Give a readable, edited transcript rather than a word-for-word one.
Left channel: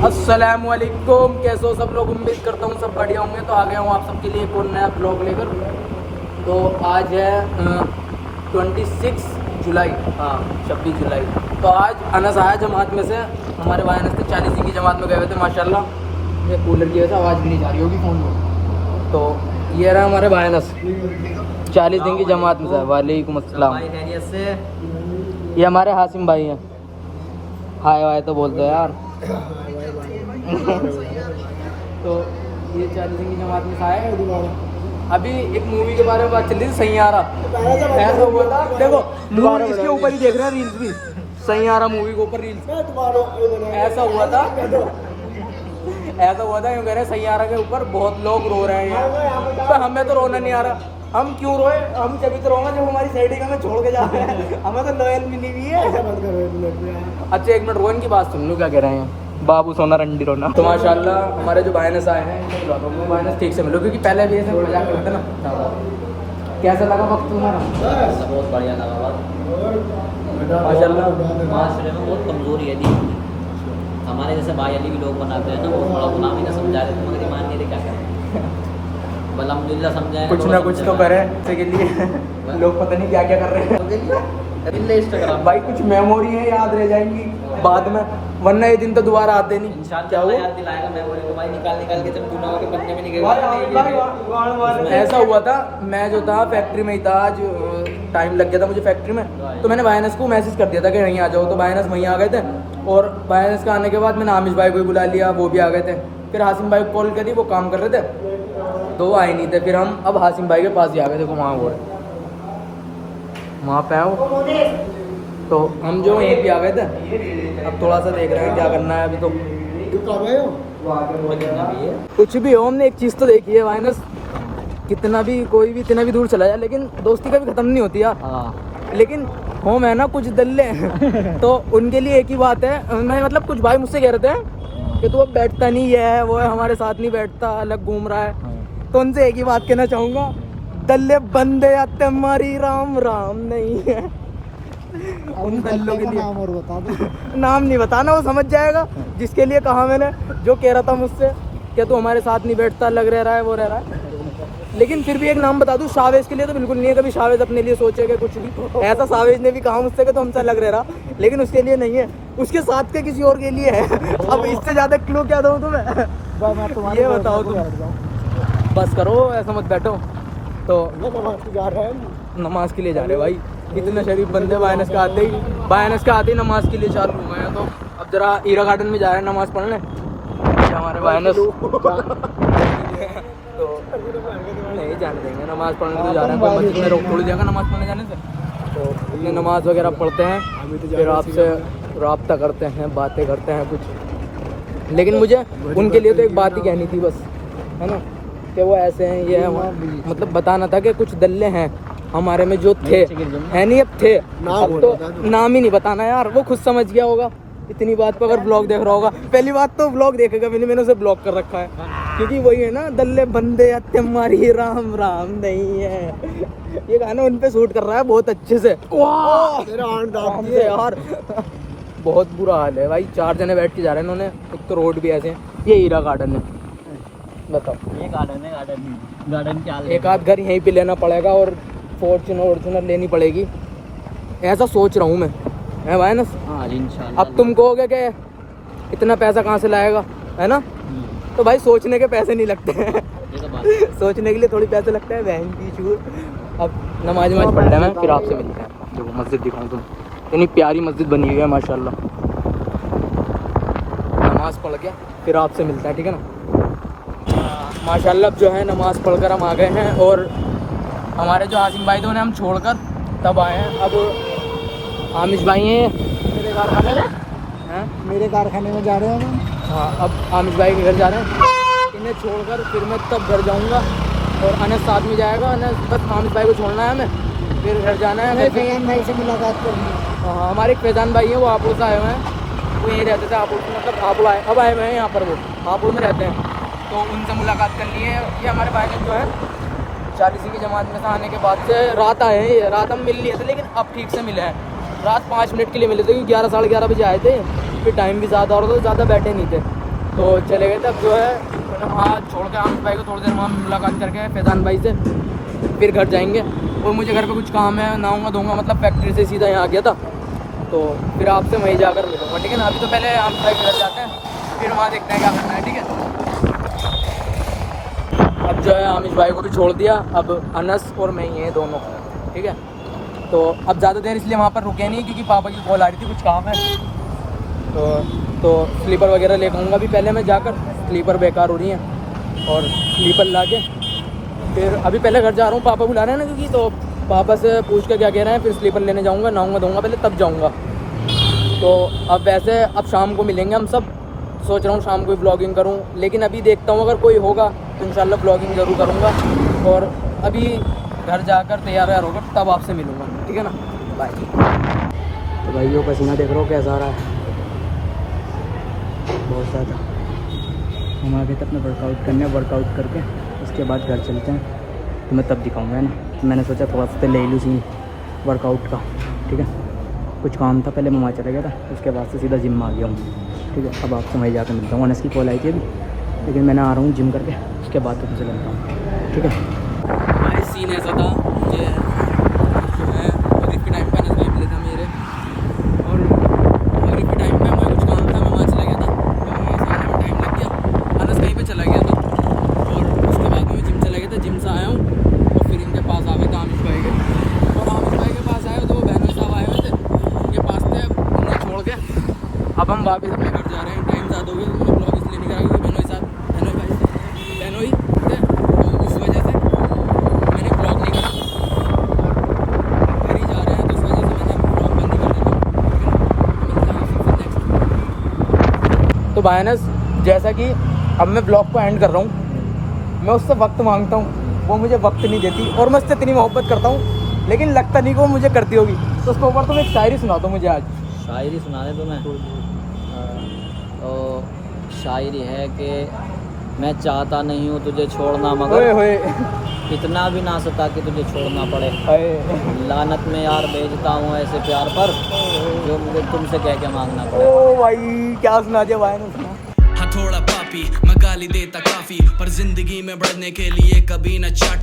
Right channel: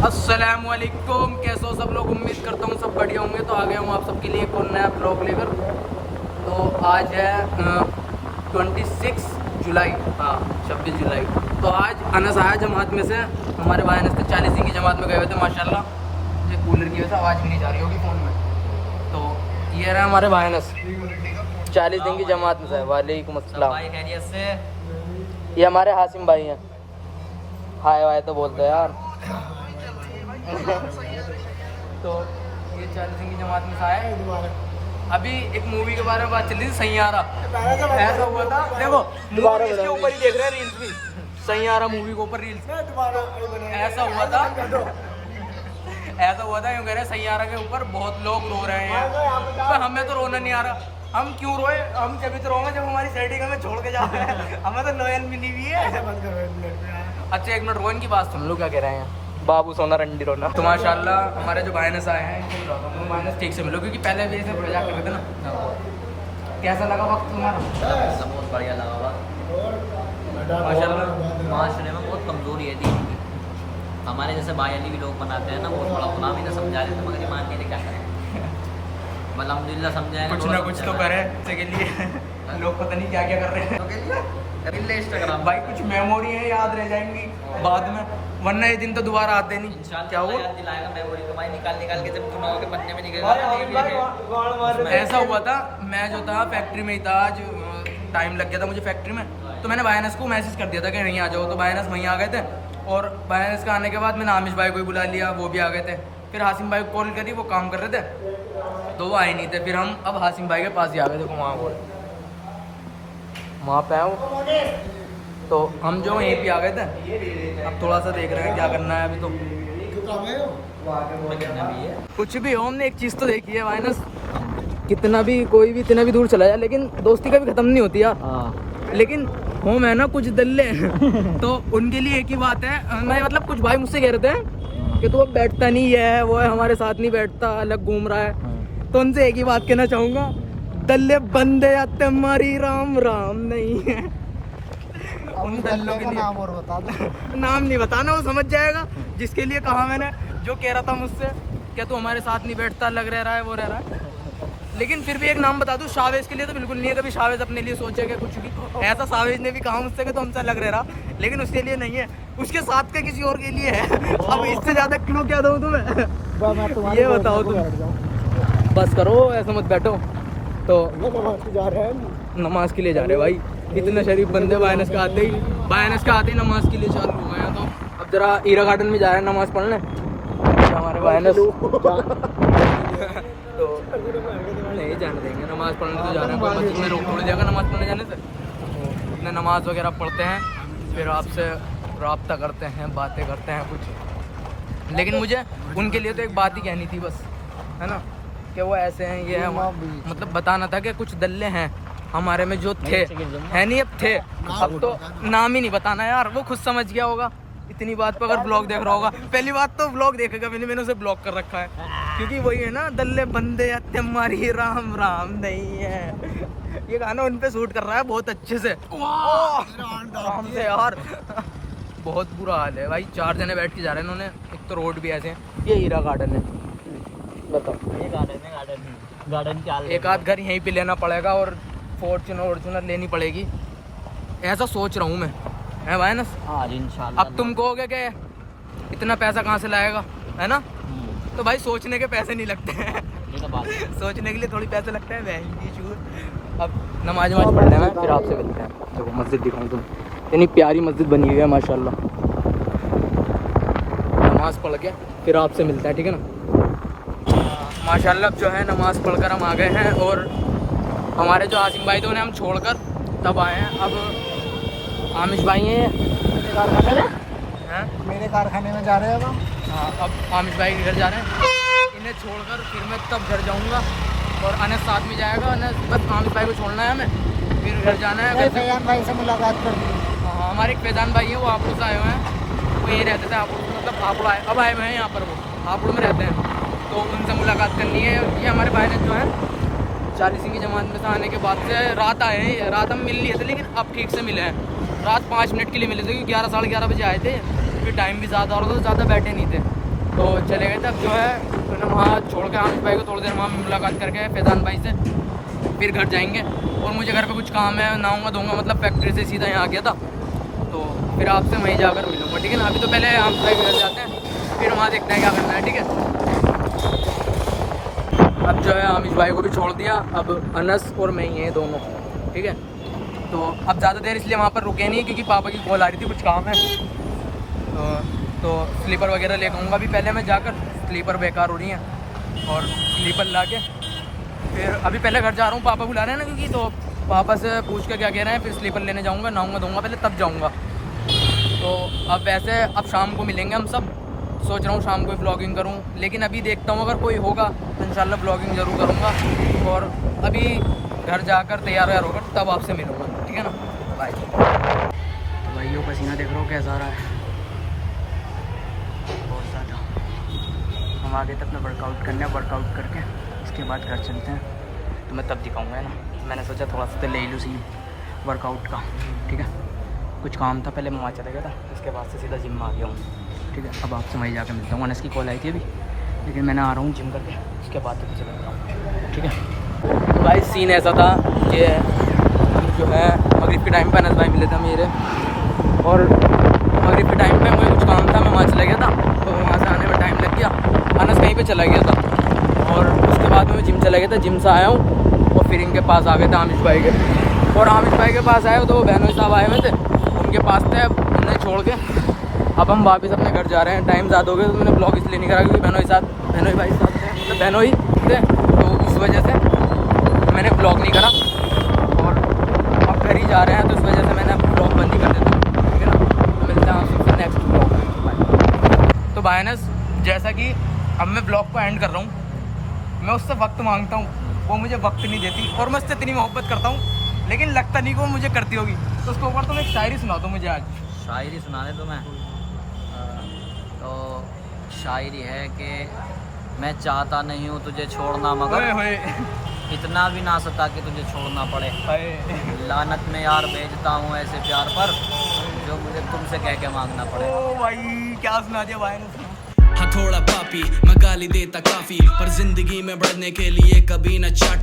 अस्सलामुअलैकुम, कैसे हो सब लोग। उम्मीद करता हूँ सब बढ़िया होंगे। तो आ गया हूँ आप सबके लिए एक और नया ब्लॉग लेकर। तो आज है 26 जुलाई, हाँ 26 जुलाई। तो आज अनस आया जमात में से। हमारे भाई अनस 40 दिन की जमात में गए हुए थे माशाल्लाह। ये कूलर की वजह से आवाज़ भी नहीं जा रही होगी फ़ोन में। तो ये रहा हमारे भाई अनस 40 दिन की जमात में। वालेकुम अस्सलाम भाई, खैरियत से। ये हमारे हासिम भाई हैं। हाय वाय तो बोलते हैं यार। तो ये 40 दिन की जमात में से आया है दोबारा। अभी एक मूवी के बारे में बात चल रही थी, सैयारा। ऐसा हुआ था, देखो मूवी इसके ऊपर ही देख रहे हैं रील्स भी। सैयारा मूवी के ऊपर रील्स ऐसा हुआ था यूँ कह रहे हैं सैयारा के ऊपर बहुत लोग रो रहे हैं यार। पर हमें तो रोना नहीं आ रहा। हम क्यों रोए? हम कभी तो रोएंगे जब हमारी साइड हमें छोड़ के जा रहे हैं। हमें तो लॉयल मिली हुई है। अच्छा एक मिनट, रोहन की बात सुन लो क्या कह रहे हैं। बाबू सोना रंडी रोना। तो माशाल्लाह हमारे जो बायनस आए हैं इनको बुला दो। बायनस ठीक से मिलो, क्योंकि पहले भी ऐसे मजाक कर रहे थे ना। कैसा लगा वक्त तुम्हारा? बहुत बढ़िया लगा वक्त। माशाल्लाह माशरे में बहुत कमजोरी है दी। हमारे जैसे भाई अली भी लोग बनाते हैं ना, बहुत बड़ा गुनाह भी ना समझा रहे थे, मगर ईमान नहीं थे, क्या करें। अल्हम्दुलिल्लाह समझाएं कुछ ना कुछ तो करें के लिए। लोग पता नहीं क्या क्या कर रहे हैं इंस्टाग्राम भाई। कुछ मेमोरी है याद रह जाएंगी बाद में, वरना ये दिन तो दोबारा आते नहीं। क्या हुआ? याद दिलाएगा मेमोरी तो भाई, निकाल के जब गुनाहों के पन्ने में निकलेगा। ऐसा हुआ था, मैं जो था फैक्ट्री में ही था। आज टाइम लग गया था मुझे फैक्ट्री में। तो मैंने वायनस को मैसेज कर दिया था कि यहीं आ जाओ। तो वायनस वहीं आ गए थे। और वायनस का आने के बाद मैंने आमिश भाई को भी बुला लिया, वो भी आ गए थे। फिर हासिम भाई को कॉल करी, वो काम कर रहे थे तो वो आए नहीं थे। फिर हम अब हासिम भाई के पास ही आ गए। देखो वहाँ पे आए तो हम जो यहीं पे आ गए थे। अब थोड़ा सा देख रहे हैं क्या करना है अभी। तो कुछ भी हो, हमने एक चीज़ तो देखी है वायनस, कितना भी कोई भी इतना भी दूर चला जाए लेकिन दोस्ती कभी ख़त्म नहीं होती यार। लेकिन हम है ना कुछ दल्ले हैं तो उनके लिए एक ही बात है। मैं मतलब कुछ भाई मुझसे कह रहे थे कि तू अब बैठता नहीं है, वो है हमारे साथ नहीं बैठता, अलग घूम रहा है। तो उनसे एक ही बात कहना चाहूँगा, दल्ले बंदे आते हमारी राम राम नहीं है। उन दल्लों के लिए नाम और बता दो। नाम नहीं बताना, वो समझ जाएगा जिसके लिए कहा मैंने। जो कह रहा था मुझसे कि तू हमारे साथ नहीं बैठता, अलग रह रहा है, वो रह रहा है। लेकिन फिर भी एक नाम बता दूं, शावेज के लिए तो बिल्कुल नहीं है। कभी शावेज अपने लिए सोचेगा कुछ भी ऐसा। शावेज ने भी कहा मुझसे कि तो हमसे अलग रह रहा, लेकिन उसके लिए नहीं है, उसके साथ के किसी और के लिए है। अब इससे ज्यादा क्लू क्या दूं तुम्हें? ये बताओ तुम। बस करो, ऐसा मत बैठो। तो नमाज के लिए जा रहे भाई। इतने शरीफ बंदे बायनस के आते ही नमाज के लिए चालू हो गए हैं। तो अब जरा ईरा गार्डन में जा रहे हैं नमाज पढ़ने हमारे बायनस। तो नहीं जाने देंगे, नमाज पढ़ने तो जा रहे हैं। कोई मस्जिद में रोक थोड़ी देगा नमाज पढ़ने जाने से। तो अपने नमाज वगैरह पढ़ते हैं, फिर आपसे रब्ता करते हैं, बातें करते हैं कुछ। लेकिन मुझे उनके लिए तो एक बात ही कहनी थी बस, है ना, कि वो ऐसे हैं, ये है। मतलब बताना था कि कुछ दल्ले हैं हमारे में जो थे, है नहीं अब थे। अब तो नाम ही नहीं बताना यार, वो खुद समझ गया होगा इतनी बात पर। अगर ब्लॉग देख रहा होगा, पहली बात तो ब्लॉग देखेगा भी नहीं, मैंने उसे ब्लॉक कर रखा है। क्योंकि वही है ना, दल्ले बंदे आते हमारी राम राम नहीं है। ये गाना उन पे शूट कर रहा है बहुत अच्छे से यार। बहुत बुरा हाल है भाई। 4 जने बैठ के जा रहे हैं इन्होंने। एक तो रोड भी ऐसे हैं। ये हीरा गार्डन है, गार्डन के एक आध घर यहीं पे लेना पड़ेगा और फॉर्च्यूनर लेनी पड़ेगी, ऐसा सोच रहा हूँ मैं, है भाई ना। अब तुम कहोगे कि इतना पैसा कहाँ से लाएगा, है ना। तो भाई सोचने के पैसे नहीं लगते हैं। सोचने के लिए थोड़ी पैसे लगता है, बहन की चूर। अब नमाज पढ़ रहे हैं, फिर आपसे देखो मस्जिद दिखाऊँ तुम। इतनी प्यारी मस्जिद बनी हुई है माशाल्लाह। नमाज पढ़ के फिर आपसे मिलता है, ठीक है ना। माशाल्लाह जो है नमाज पढ़कर हम आ गए हैं। और हमारे जो आसिम भाई थे उन्हें हम छोड़कर तब आए हैं। अब आमिश भाई हैं मेरे कारखाने में जा रहे हैं हम। हाँ, अब आमिश भाई के घर जा रहे हैं। इन्हें छोड़कर फिर मैं तब घर जाऊंगा और अनस साथ में जाएगा। अनस बस आमिश भाई को छोड़ना है हमें, फिर घर जाना है। फैजान भाई से मुलाकात करनी है। हाँ, हमारे एक फैजान भाई हैं, वो हापुड़ से आए हुए हैं। वो यहीं रहते थे हापुड़, मतलब हापुड़ आए, अब आए हुए हैं यहाँ पर। वो हापुड़ में रहते हैं, तो उनसे मुलाकात करनी है। ये हमारे भाई ने जो है 40 की जमात में से आने के बाद से रात आए हैं। रात हम मिल लिए थे, लेकिन अब ठीक से मिले हैं। रात 5 मिनट के लिए मिले थे, क्योंकि 11 साढ़े 11 बजे आए थे। फिर टाइम भी ज़्यादा हो रहा था, ज़्यादा बैठे नहीं थे। तो चले गए थे। अब जो है मैंने वहाँ छोड़ के आमिर भाई को थोड़ी देर वहाँ मुलाकात करके फैजान भाई से फिर घर जाएंगे। और मुझे घर पे कुछ काम है, नहाऊंगा धोऊंगा, मतलब फैक्ट्री से सीधा यहाँ आ गया था, तो फिर आपसे वहीं जाकर मिलूंगा, ठीक है ना। अभी तो पहले आमिर भाई के घर जाते हैं, फिर वहाँ देखते हैं क्या करना है, ठीक है। अब जो है आमिर भाई को भी छोड़ दिया, अब अनस और मैं ही हैं दोनों, ठीक है। तो अब ज़्यादा देर इसलिए वहाँ पर रुके नहीं क्योंकि पापा की कॉल आ रही थी, कुछ काम है। तो स्लीपर वगैरह लेकर आऊँगा अभी, पहले मैं जाकर, स्लीपर बेकार हो रही हैं, और स्लीपर ला के फिर अभी पहले घर जा रहा हूँ, पापा बुला रहे हैं ना, क्योंकि तो पापा से पूछ के क्या कह रहे हैं, फिर स्लीपर लेने जाऊँगा, नहाऊंगा धोऊंगा पहले, तब जाऊँगा। तो अब वैसे अब शाम को मिलेंगे हम सब, सोच रहा हूँ शाम को ही ब्लॉगिंग करूँ, लेकिन अभी देखता हूँ अगर कोई होगा तो इंशाल्लाह ब्लॉगिंग ज़रूर करूँगा। और अभी घर जाकर तैयार होकर तब आपसे मिलूँगा, ठीक है ना। बाय। तो भाइयों पसीना देख रहे हो कैसा आ रहा है, बहुत ज़्यादा। हम आगे तो अपना वर्कआउट करने, वर्कआउट करके उसके बाद घर चलते हैं, तो मैं तब दिखाऊँगा, है ना। मैंने सोचा थोड़ा सा ले लूँ सी वर्कआउट का, ठीक है। कुछ काम था पहले, मैं वहाँ चला गया था, उसके बाद से सीधा जिम में आ गया हूँ, ठीक है। अब आपसे वहीं जाकर मिलता हूँ। अनस की कॉल आई थी अभी, लेकिन मैंने आ रहा हूँ जिम करके, उसके बाद तो चला, ठीक है। भाई सीन ऐसा था, ये जो है मगरिब के टाइम पे अनस भाई मिले थे मेरे, और मगरिब के टाइम पे मुझे कुछ काम था, मैं वहाँ चला गया था, तो वहाँ से आने में टाइम लग गया। अनस कहीं पे चला गया था, और उसके बाद में मैं जिम चला गया था, जिम से आया हूँ और फिर इनके पास आ गए थे आमिर भाई के। और आमिर भाई के पास आए तो वो बहनोई साहब आए हुए थे, उनके पास थे, उन्हें छोड़ के अब हम वापस अपने घर जा रहे हैं। टाइम ज़्यादा हो गया तो मैंने ब्लॉग इसलिए नहीं करा क्योंकि बहनोई भाई साहब थे, मतलब बहनोई थे, तो उस वजह से मैंने ब्लॉग नहीं करा। और अब घर ही जा रहे हैं तो उस वजह से मैंने ब्लॉग बंद ही कर देता हूँ, ठीक है ना। तो मिलते हैं आपसे नेक्स्ट ब्लॉग। तो बायनस जैसा कि अब मैं ब्लॉग को एंड कर रहा हूँ, मैं उससे वक्त मांगता हूँ, वो मुझे वक्त नहीं देती, और मैं उससे इतनी मोहब्बत करता हूँ, लेकिन लगता नहीं कि वो मुझे करती होगी। तो उसके ऊपर तुम एक शायरी सुना दो मुझे आज। शायरी सुना दे तुम्हें? तो शायरी है कि मैं चाहता नहीं हूँ तुझे छोड़ना, मगर होए इतना भी ना सता कि तुझे छोड़ना पड़े। लानत में यार भेजता हूँ ऐसे प्यार पर जो मुझे तुमसे कह के मांगना पड़े। ओ भाई क्या सुना दिया भाई ने। हाँ थोड़ा पापी मैं गाली देता काफी, पर जिंदगी में बढ़ने के लिए कभी न चाटी।